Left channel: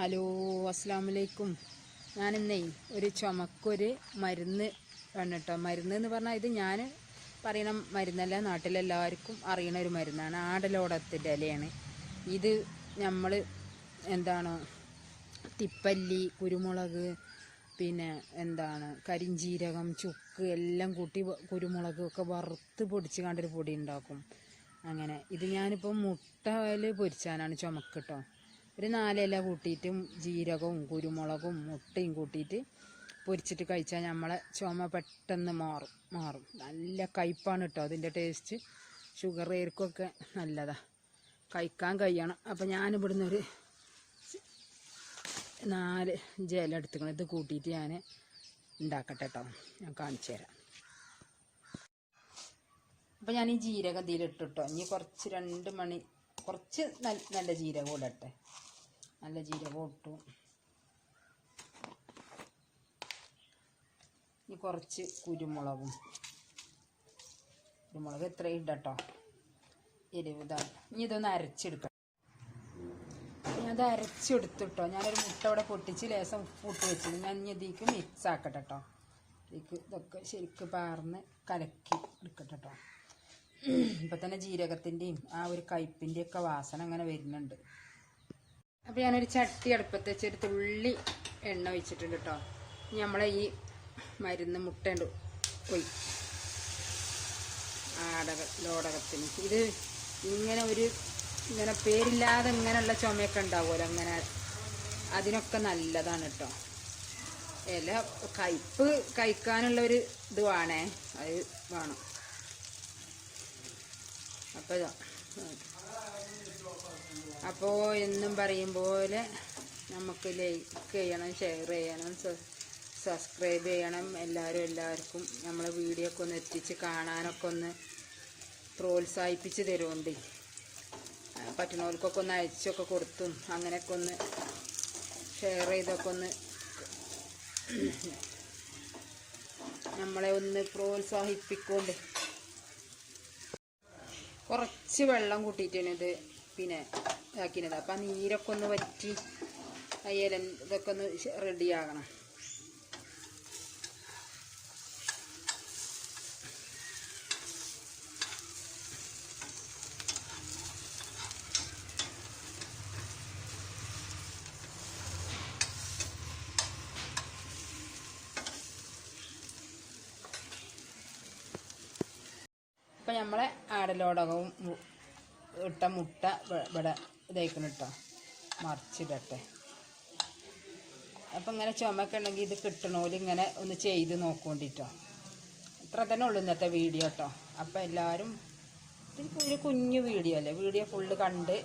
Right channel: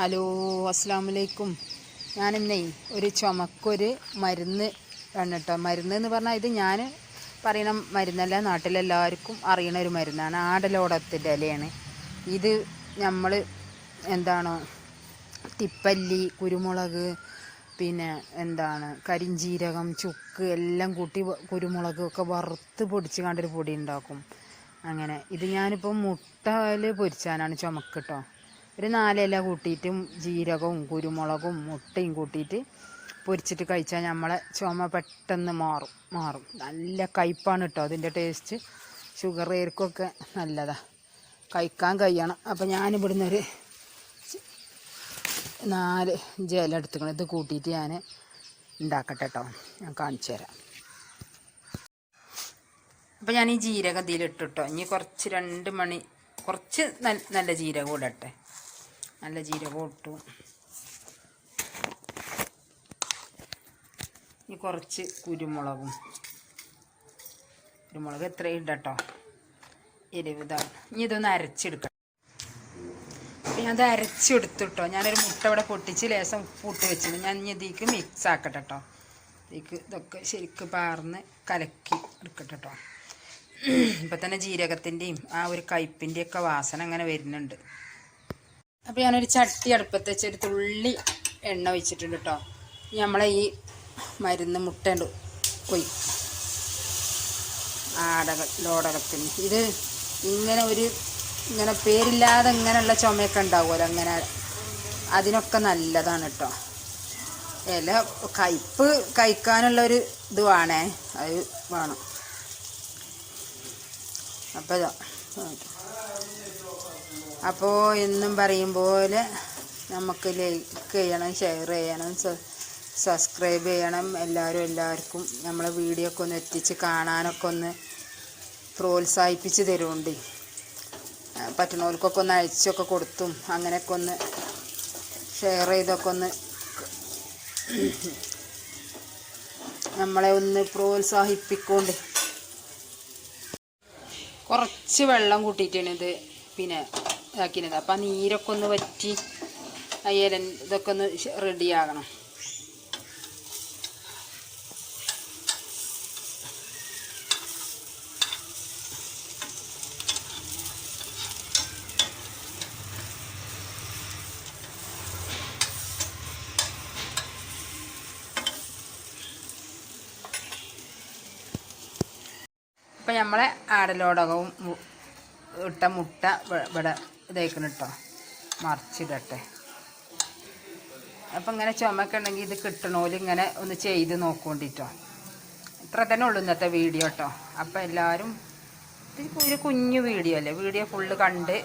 Hello, അസ്സലാമലൈക്കും. ഞാനിന്നേ ഒരു ചുമക്കൊരു മരുന്ന് ആണ് കേട്ടോ. മരുന്ന് എന്ന് പറഞ്ഞാൽ ഇത് ഞാൻ പറയുന്ന മരുന്നല്ല, നാട്ടിലെല്ലാവർക്കും അറിയണ ഒരു മരുന്നാണ്. ആടലോടത്തിൻ്റെ ഇലയാണ് ഇത്. നമ്മൾ എന്താണോ തിപ്പല്ലി, കുരുമുളക്, പിന്നെ കരിഞ്ജീരകം, ചുക്ക് എല്ലാം കൂട്ടി കുരുമുളകൊക്കെ വറുത്ത് പൊടിച്ച് കണ്ടൊരു പൊടി ഉണ്ടാക്കും. അങ്ങനെ ഇത് ഞാനിപ്പോൾ മുട്ടയിൽ പൊരിച്ചാനാണ് ചുമക്ക് കേട്ടോ. ഒരു 4 ഇല കൂട്ടിയിട്ടും ജീരകവും കുരുമുളകും മുട്ടയും കൂട്ടിയിട്ട് പൊരിച്ചിട്ട് കഴിച്ചാൽ നമ്മളെ ചുമ പെട്ടെന്ന് മാറും. നല്ല കയ്പ്പാണ് കേട്ടോ അതിൻ്റെ ടേസ്റ്റ്. ഷുഗറുകാർക്കൊക്കെ നല്ലതാണ്, കഴിക്കാൻ കഴിയണം. അപ്പോൾ ഞാനിവിടുന്ന് ഒരു 4 ഇല എടുത്തുക്കണം. ഇത് കൂട്ടിയിട്ട് ഞാൻ ഉണ്ടാക്കട്ടെ കേട്ടോ, ഞാൻ കാണിച്ചു തരാം. അപ്പോൾ ഞാൻ ഈ ജീരകം ഇതിലിട്ടു കേട്ടോ. ഇനി കുറച്ച് 2 മണി കുറച്ച് നല്ല ജീരകം ഇടട്ടെ. നല്ല ജീരകം ഇട്ടു. ഈ കുറച്ച് കുരുമുളക് എത്രയും ഇടട്ടോ, 20. ഇനി ഇതൊന്ന് അരച്ചെടുക്കണം. അപ്പം ഞാനത് അരച്ചെടുത്തിട്ടോ. ഞാനൊരു മുട്ട ഇവിടെ പൊട്ടിച്ച് ലേശം ഉപ്പിട്ട് വെച്ചിട്ട് ഞാൻ ഇനി ഇതിലേക്ക് മിക്സ് ആക്കട്ടെ കേട്ടോ. ഇതൊക്കെ ശരിക്കും പാർന്ന് കലക്കി എടുക്കട്ടെ കേട്ടോ. ഇപ്പം തന്നെ ജീരകത്തിൻ്റെയും ആ ഒരു കയ്പിൻ്റെയൊക്കെ വാസന അങ്ങനെ വരുന്നുണ്ട്. അപ്പോൾ ഞാനൊരു ചട്ടി അടുപ്പത്ത് വെച്ച് ഒരു തുള്ളി എണ്ണ ഒഴിച്ചിട്ടുണ്ട് കേട്ടോ. നമ്മളെ ഈ മരുന്ന് മുട്ടയുണ്ട് ലോടകത്തിന് ഇത് ഇങ്ങനെ പേരില്ലാതെ ഇങ്ങനെയുള്ള ചുമയൊക്കെ ഉണ്ടാവുമല്ലോ, അങ്ങനെ അതിനൊക്കെ നല്ലതാണ് കേട്ടോ. ഇല കയ്പ്പ് കഴിക്കാനുള്ളൊരു ഇത് വേണേ, അത് വേണം. അപ്പോൾ എന്നും പറയും പോലെ നമുക്ക് ലൈക്ക് ചെയ്യണം, ഷെയർ ചെയ്യണം, സബ്സ്ക്രൈബ് ചെയ്യണം. എല്ലാവർക്കും നമ്മളെ വീഡിയോ ഒക്കെ ഒന്ന് എത്തിച്ച് കാണാനൊക്കെ ഒന്ന് പ്രോത്സാഹിപ്പിച്ച് തരുന്നുണ്ട്. പറ്റുന്നവർക്കൊക്കെ ഒന്ന് അയച്ചൊക്കെ കൊടുത്തും അങ്ങനെയൊക്കെ ഒന്ന് ഷെയർ ചെയ്തൊക്കെ ഒന്ന് നമ്മളെ ഒന്ന് പ്രോത്സാഹിപ്പിക്കൊണ്ട്. കുറച്ച് വെള്ളം കൂട്ടിയിട്ടാണ് ഇത് പിന്നെ ഇതാക്കിയിരുന്നത്. അപ്പം ആ നീരൊക്കെ ഒന്ന് വറ്റി ഇതൊക്കെ ഒന്ന് റെഡിയാകണം. അപ്പം നമ്മളെ ആടലോടകവും ഇട്ട മുട്ട ഇവിടെ ഇതേക്കണം കേട്ടോ, മറിച്ചിടട്ടെ. അപ്പം ഇങ്ങനെ ചുമക്കെ ഉണ്ടെങ്കിൽ ഇത് കിട്ടണോല് ഇങ്ങനെ ഒന്ന് ചെയ്ത് നോക്കൊണ്ടിട്ടോ. ഇത്ര തന്നെ ഉള്ളൂ ഇന്നത്തെ വീഡിയോ കേട്ടോ. അപ്പം എല്ലാവരും ഒരു കുഞ്ഞു വീഡിയോ അല്ലേ, വീഡിയോ ഫുള്ള് കണ്ട്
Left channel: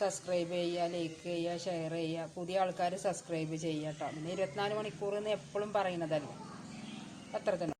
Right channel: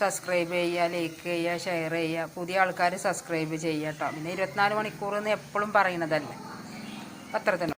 സബ്സ്ക്രൈബ് ചെയ്യുക, ലൈക്ക് ചെയ്യുക, ഷെയർ ചെയ്യുക. പുതിയ ആൾക്കാർ സബ്സ്ക്രൈബ് ചെയ്യുക കേട്ടോ. പിന്നെ 24 മണിക്കൂർ എന്ന് എപ്പോഴും പറയണതല്ലേ, അത്ര തന്നെ.